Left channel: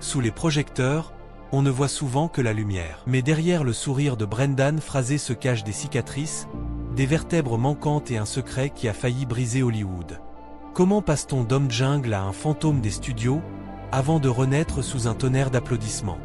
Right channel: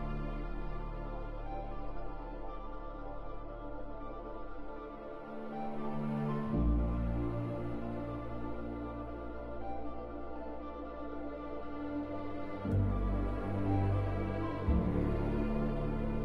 Sous les projecteurs, on ne voit souvent que la lumière. Mais derrière le sourire de Brendan Fraser se cachent des cicatrices, des vertèbres manquantes et un secret qui a failli briser Hollywood. Comment passe-t-on d'homme jungle à un fantôme des studios, avant de renaître sous un tonnerre d'applaudissements?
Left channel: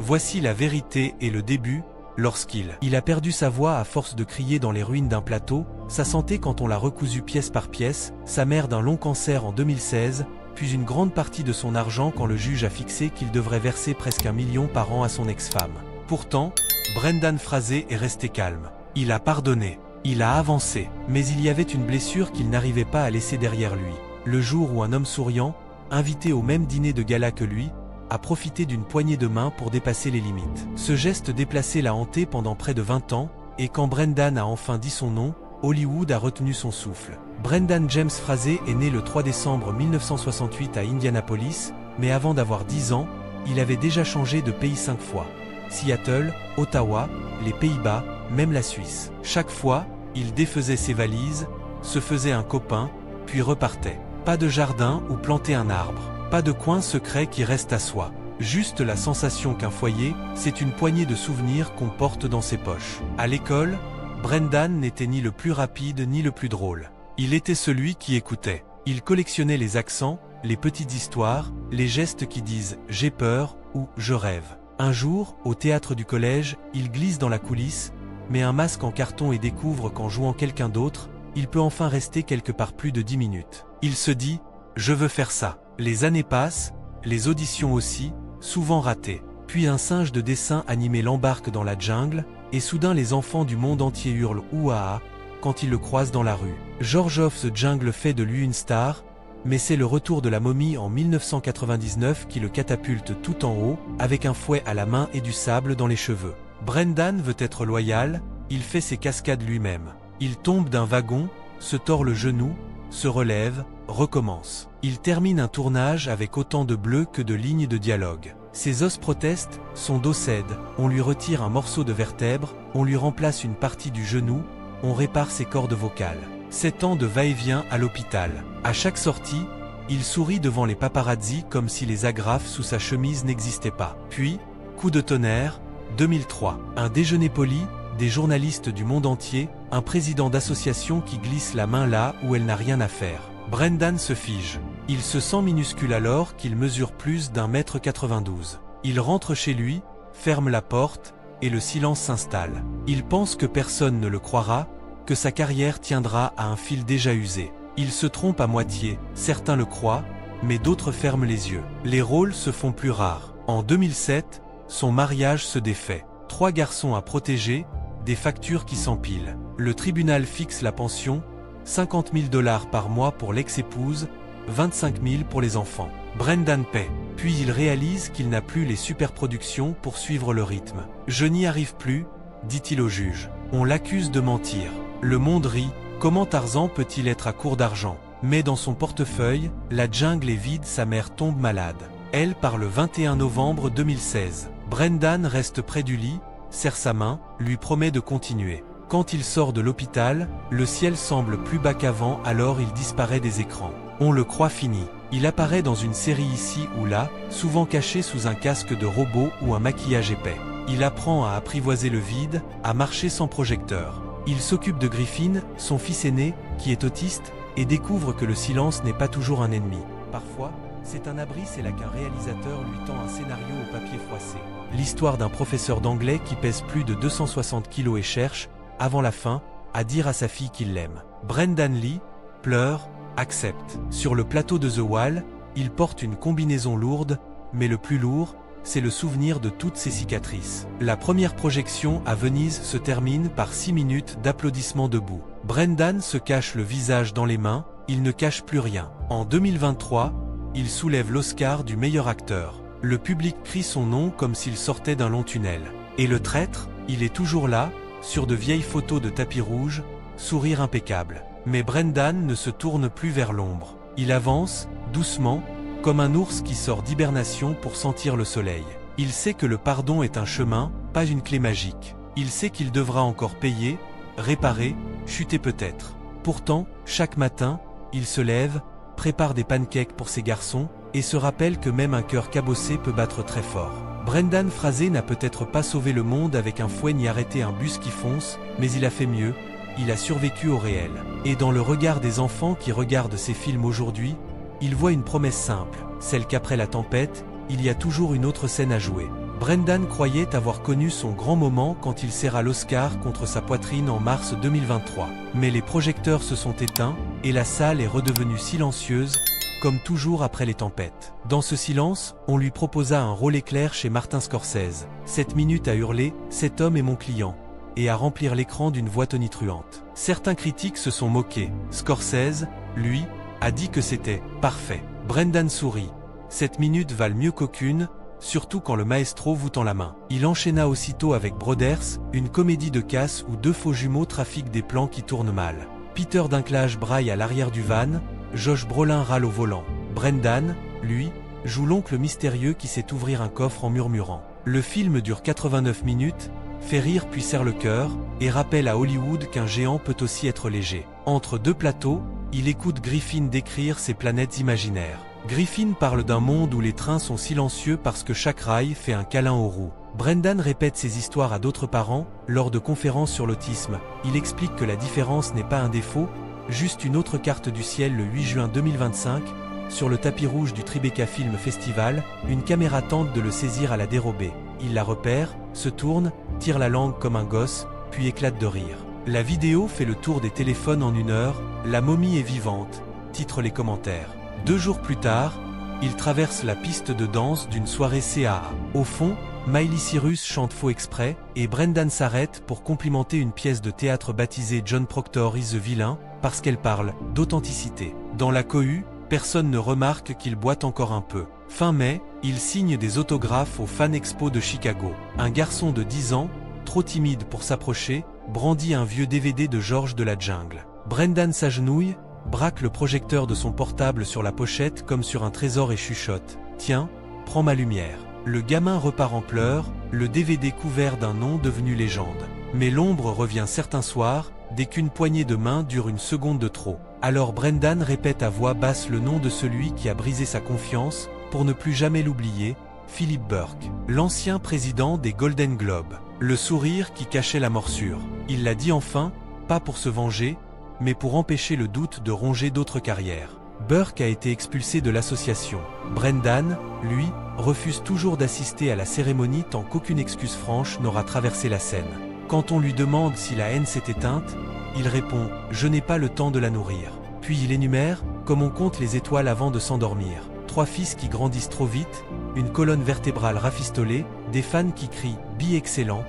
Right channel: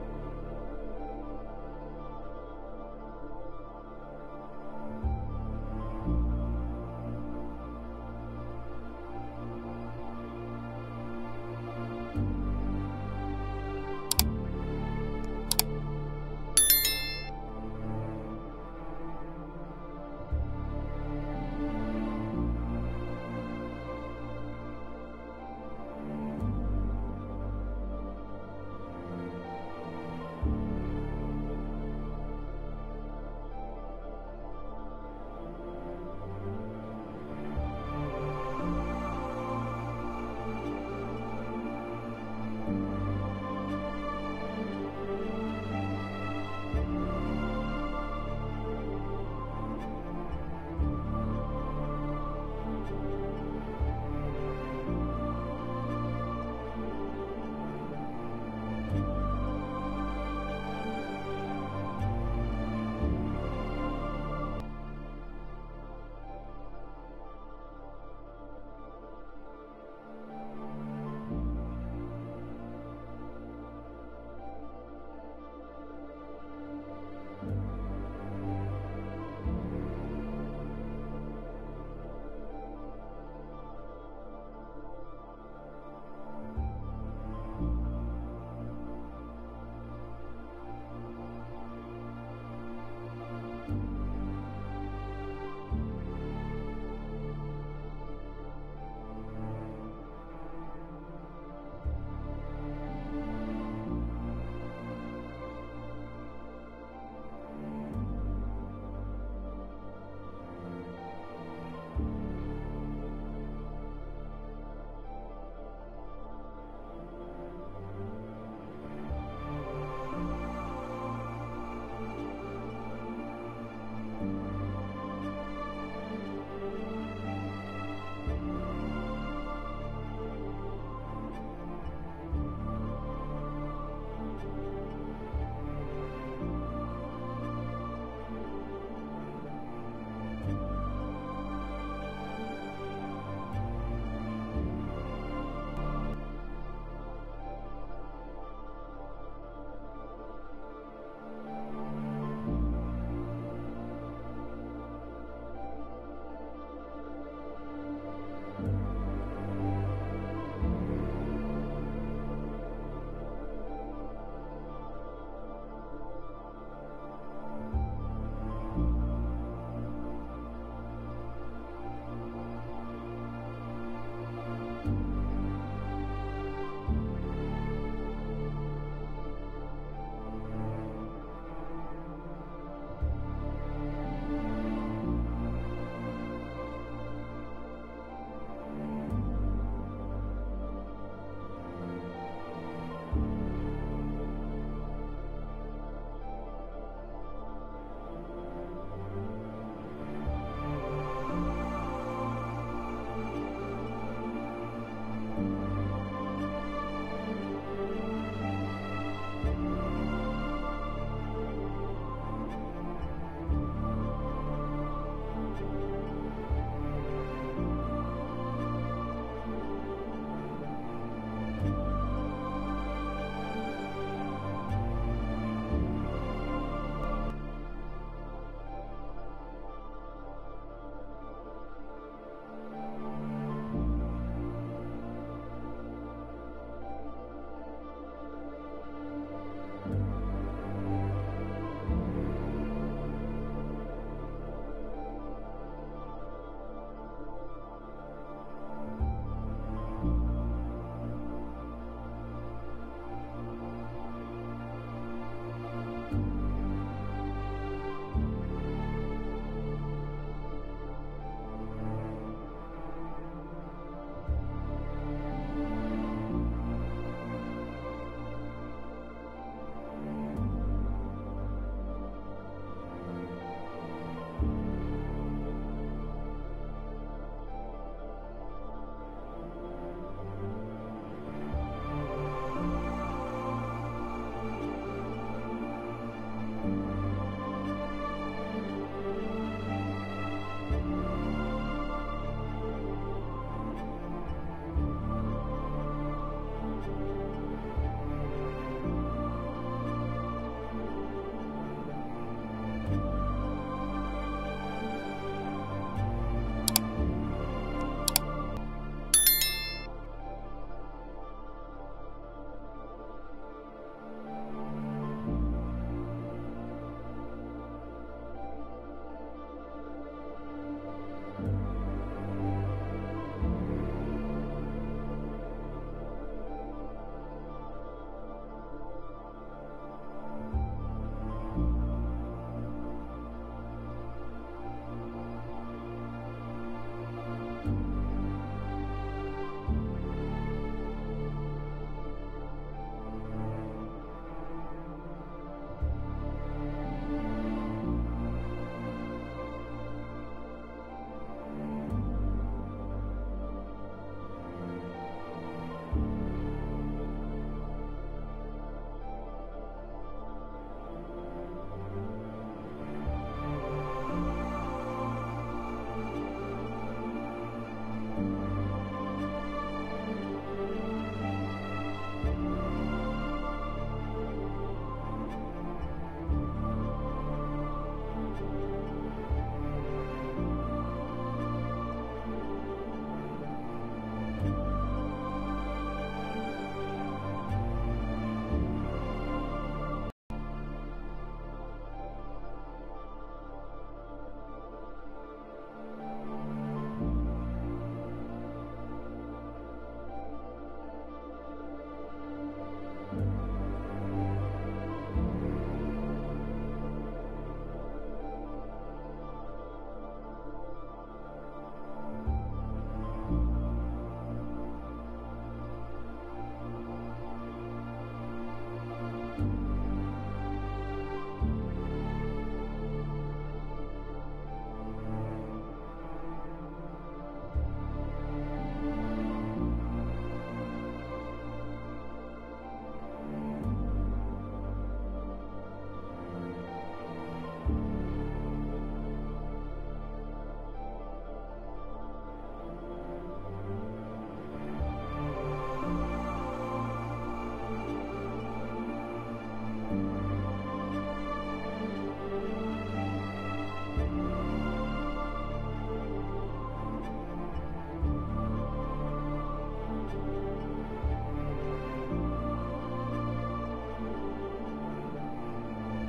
Voici la vérité et le début, lorsqu'il a perdu sa voix à force de crier dans les ruines d'un plateau, sa santé quand on l'a recousu pièce par pièce, sa mère d'un long cancer en 2016, puis une grande partie de son argent quand le juge a fixé qu'il devrait verser presque 1 million par an à son ex-femme. Pourtant, Brendan Fraser est resté calme. Il a pardonné. Il a avancé. Mais il y avait une blessure qu'il n'arrivait pas à laisser derrière lui. Le jour où un homme souriant, invité au même dîner de gala que lui, a profité d'une poignée de main pour dépasser les limites. Ce geste déplacé l'a hanté pendant près de 20 ans, et quand Brendan a enfin dit son nom, Hollywood a retenu son souffle. Brendan James Fraser est né le 3 décembre 1968 à Indianapolis, mais avant d'avoir 10 ans, il avait déjà changé de pays 5 fois. Seattle, Ottawa, les Pays-Bas, même la Suisse. Chaque fois, il défaisait ses valises, se faisait un copain, puis repartait. Pas de jardin ou planter un arbre. Pas de coin secret qui reste à soi. Juste la sensation qu'un foyer, c'est une poignée de souvenirs qu'on porte dans ses poches. À l'école, Brendan n'était ni le plus rapide ni le plus drôle. Il était celui qui écoutait. Il collectionnait les accents, les petites histoires, les gestes qui disent « j'ai peur » ou « je rêve ». Un jour, au théâtre du collège, il glisse dans la coulisse, met un masque en carton et découvre qu'en jouant quelqu'un d'autre, il peut enfin rester quelque part plus de 10 minutes. Il se dit « je veux faire ça ». Les années passent, les auditions aussi, souvent ratées. Puis un singe de dessin animé l'embarque dans la jungle, et soudain les enfants du monde entier hurlent « ouah » quand ils le croisent dans la rue. George of the Jungle fait de lui une star, mais c'est le retour de la momie en 1999 qui le catapulte tout en haut, avec un fouet à la main et du sable dans les cheveux. Brendan veut être loyal, il fait ses cascades lui-même. Il tombe d'un wagon, se tord le genou, se relève, recommence. Il termine un tournage avec autant de bleus que de lignes de dialogue. Ses os protestent, son dos cède, on lui retire un morceau de vertèbre, on lui remplace une partie du genou, on répare ses cordes vocales. 7 ans de va-et-vient à l'hôpital. À chaque sortie, il sourit devant les paparazzi comme si les agrafes sous sa chemise n'existaient pas. Puis, coup de tonnerre, 2003. Un déjeuner poli, des journalistes du monde entier, un président d'association qui glisse la main là où elle n'a rien à faire. Brendan se fige. Il se sent minuscule alors qu'il mesure plus d'1,92 m. Il rentre chez lui, ferme la porte, et le silence s'installe. Il pense que personne ne le croira, que sa carrière tiendra à un fil déjà usé. Il se trompe à moitié, certains le croient, mais d'autres ferment les yeux. Les rôles se font plus rares. En 2007, son mariage se défait. 3 garçons à protéger, des factures qui s'empilent. Le tribunal fixe la pension, 50 000 $ par mois pour l'ex-épouse, 25 000 pour les enfants. Brendan paie. Puis il réalise qu'il n'a plus les superproductions pour suivre le rythme. « Je n'y arrive plus », dit-il au juge. On l'accuse de mentir. Le monde rit. Comment Tarzan peut-il être à court d'argent? Mais dans son portefeuille, la jungle est vide, sa mère tombe malade. Elle part le 21 novembre 2016. Brendan reste près du lit, serre sa main, lui promet de continuer. Quand il sort de l'hôpital, le ciel semble plus bas qu'avant, alors il disparaît des écrans. On le croit fini. Il apparaît dans une série ici ou là, souvent caché sous un casque de robot ou un maquillage épais. Il apprend à apprivoiser le vide, à marcher sans projecteur. Il s'occupe de Griffin, son fils aîné, qui est autiste, et découvre que le silence n'est pas toujours un ennemi. Parfois, c'est un abri, c'est là qu'un réalisateur lui tend un scénario au papier froissé. L'histoire d'un professeur d'anglais qui pèse plus de 260 kilos et cherche, avant la fin, à dire à sa fille qu'il l'aime. Brendan lit, pleure, accepte. Sur le plateau de The Wall, il porte une combinaison lourde, mais le plus lourd, c'est le souvenir de toutes ses cicatrices. La première projection à Venise se termine par 6 minutes d'applaudissements debout. Brendan se cache le visage dans les mains, il ne cache plus rien. En 2023, il soulève l'Oscar du meilleur acteur. Le public crie son nom comme s'il sortait d'un long tunnel. Et le traître, il est toujours là, sur de vieilles photos de tapis rouge, sourire impeccable. Mais Brendan ne se tourne plus vers l'ombre. Il avance, doucement, comme un ours qui sort d'hibernation pour sentir le soleil. Il sait que le pardon est un chemin, pas une clé magique. Il sait qu'il devra encore payer, réparer, chuter peut-être. Pourtant, chaque matin, il se lève, prépare des pancakes pour ses garçons, et se rappelle que même un cœur cabossé peut battre très fort. Brendan Fraser n'a peut-être pas sauvé le monde avec un fouet ni arrêté un bus qui fonce, mais il a fait mieux, il a survécu au réel. Et dans le regard des enfants qui regardent ces films aujourd'hui, il voit une promesse simple, celle qu'après la tempête, il y a toujours une autre scène à jouer. Brendan croyait avoir connu son grand moment quand il serra l'Oscar contre sa poitrine en mars 2023. Mais les projecteurs se sont éteints, et la salle est redevenue silencieuse, comme toujours après les tempêtes. Dans ce silence, on lui proposa un rôle éclair chez Martin Scorsese. 7 minutes à hurler « Cet homme est mon client » et à remplir l'écran d'une voix tonitruante. Certains critiques se sont moqués. Scorsese, lui, a dit que c'était « parfait ». Brendan sourit. 7 minutes valent mieux qu'aucune, surtout quand le maestro vous tend la main. Il enchaîna aussitôt avec Brothers, une comédie de casse où deux faux jumeaux trafiquent des plans qui tournent mal. Peter Dinklage braille à l'arrière du van, Josh Brolin râle au volant. Brendan, lui, joue l'oncle mystérieux qui sait ouvrir un coffre en murmurant. Le film dure 89 minutes, fait rire puis serre le cœur, et rappelle à Hollywood qu'un géant peut aussi être léger. Entre deux plateaux, il écoute Griffin décrire ses planètes imaginaires. Griffin parle d'un monde où les trains sont silencieux parce que chaque rail fait un câlin aux roues. Brendan répète ces histoires à d'autres parents, lors de conférences sur l'autisme. Il explique que la différence n'est pas un défaut, juste une autre carte du ciel. Le 8 juin 2025, sur le tapis rouge du Tribeca Film Festival, une caméra tente de le saisir à la dérobée. Il la repère, se tourne, tire la langue comme un gosse, puis éclate de rire. La vidéo fait le tour des téléphones en 1 heure, la momie est vivante, titrent les commentaires. 2 jours plus tard, il traverse la piste de danse d'une soirée CAA. Au fond, Miley Cyrus chante Faux exprès, et Brendan s'arrête pour complimenter une pièce de théâtre baptisée John Proctor is the Villain, parce qu'elle parle d'authenticité. Dans la cohue, personne ne remarque qu'il boite encore un peu. Fin mai, il signe des autographes au Fan Expo de Chicago. Un garçon de 10 ans, trop timide pour s'approcher, brandit un vieux DVD de Georges de la Jungle. Brendan s'agenouille, braque le projecteur de son portable sur la pochette comme sur un trésor et chuchote « Tiens, prends ma lumière ». Le gamin repart en pleurs, le DVD couvert d'un nom devenu légende. Mais l'ombre revient certains soirs, dès qu'une poignée de main dure une seconde de trop. Alors Brendan répète à voix basse le nom de celui qui a brisé sa confiance, pour ne plus jamais l'oublier, Philip Burke, l'ancien président des Golden Globes. Le sourire qui cachait la morsure. Il l'a dit enfin, pas pour se venger, mais pour empêcher le doute de ronger d'autres carrières. Burke a été expulsé de l'association. Brendan, lui, refuse toujours d'assister à la cérémonie tant qu'aucune excuse franche n'aura traversé la scène. Quand on lui demande si la haine s'est éteinte, il répond « Je n'ai pas le temps de la nourrir ». Puis il énumère, comme on compte les étoiles avant de s'endormir. 3 fils qui grandissent trop vite, une colonne vertébrale rafistolée, des fans qui crient « Bi excellent »,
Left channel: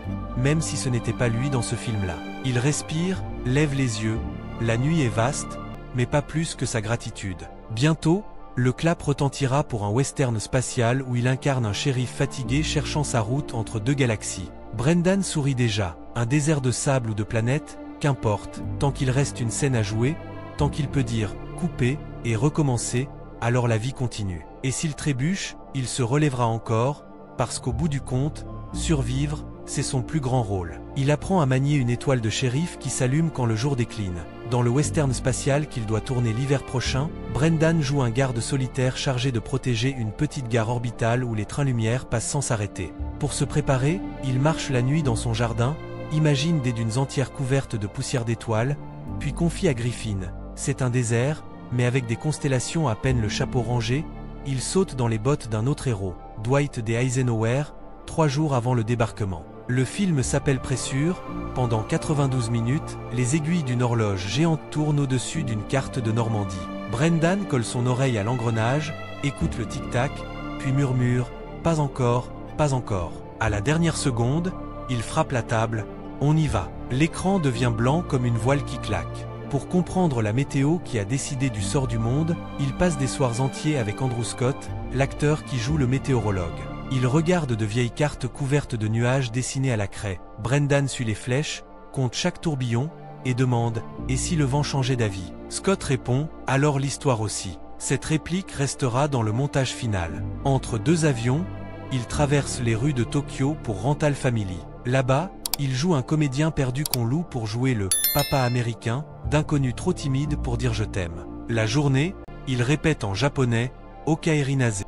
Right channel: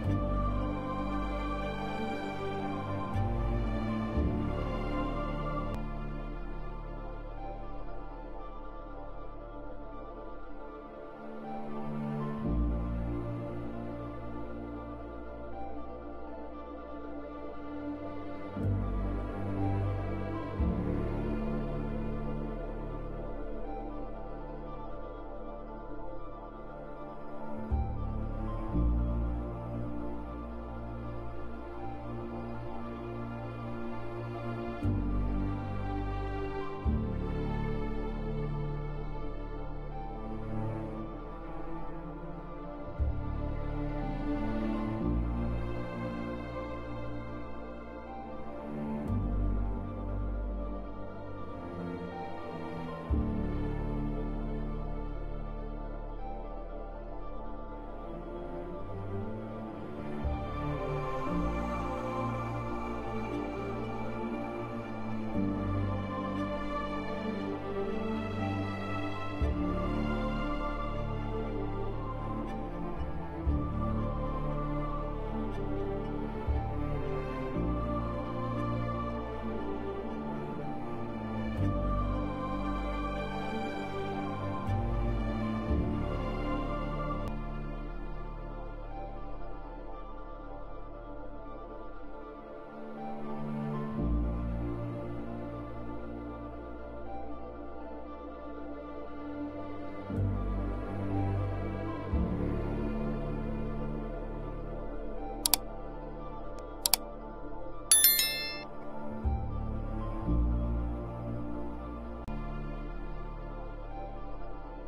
même si ce n'était pas lui dans ce film-là. Il respire, lève les yeux, la nuit est vaste, mais pas plus que sa gratitude. Bientôt, le clap retentira pour un western spatial où il incarne un shérif fatigué cherchant sa route entre 2 galaxies. Brendan sourit déjà, un désert de sable ou de planète, qu'importe, tant qu'il reste une scène à jouer, tant qu'il peut dire « couper » et recommencer, alors la vie continue. Et s'il trébuche, il se relèvera encore, parce qu'au bout du compte, survivre, c'est son plus grand rôle. Il apprend à manier une étoile de shérif qui s'allume quand le jour décline. Dans le western spatial qu'il doit tourner l'hiver prochain, Brendan joue un garde solitaire chargé de protéger une petite gare orbitale où les trains-lumière passent sans s'arrêter. Pour se préparer, il marche la nuit dans son jardin, imagine des dunes entières couvertes de poussière d'étoiles, puis confie à Griffin. C'est un désert, mais avec des constellations à peine le chapeau rangé, il saute dans les bottes d'un autre héros, Dwight D. Eisenhower, 3 jours avant le débarquement. Le film s'appelle Pressure. Pendant 92 minutes, les aiguilles d'une horloge géante tournent au-dessus d'une carte de Normandie. Brendan colle son oreille à l'engrenage, écoute le tic-tac, puis murmure « Pas encore, pas encore ». À la dernière seconde, il frappe la table « On y va ». L'écran devient blanc comme une voile qui claque. Pour comprendre la météo qui a décidé du sort du monde, il passe des soirs entiers avec Andrew Scott, l'acteur qui joue le météorologue. Il regarde de vieilles cartes couvertes de nuages dessinés à la craie. Brendan suit les flèches, compte chaque tourbillon, et demande « Et si le vent changeait d'avis ?» Scott répond « Alors l'histoire aussi ». Cette réplique restera dans le montage final. Entre 2 avions, il traverse les rues de Tokyo pour Rental Family. Là-bas, il joue un comédien perdu qu'on loue pour jouer le « papa américain » d'inconnu trop timide pour dire « je t'aime ». La journée, Il répète en japonais, Okaeri Nase.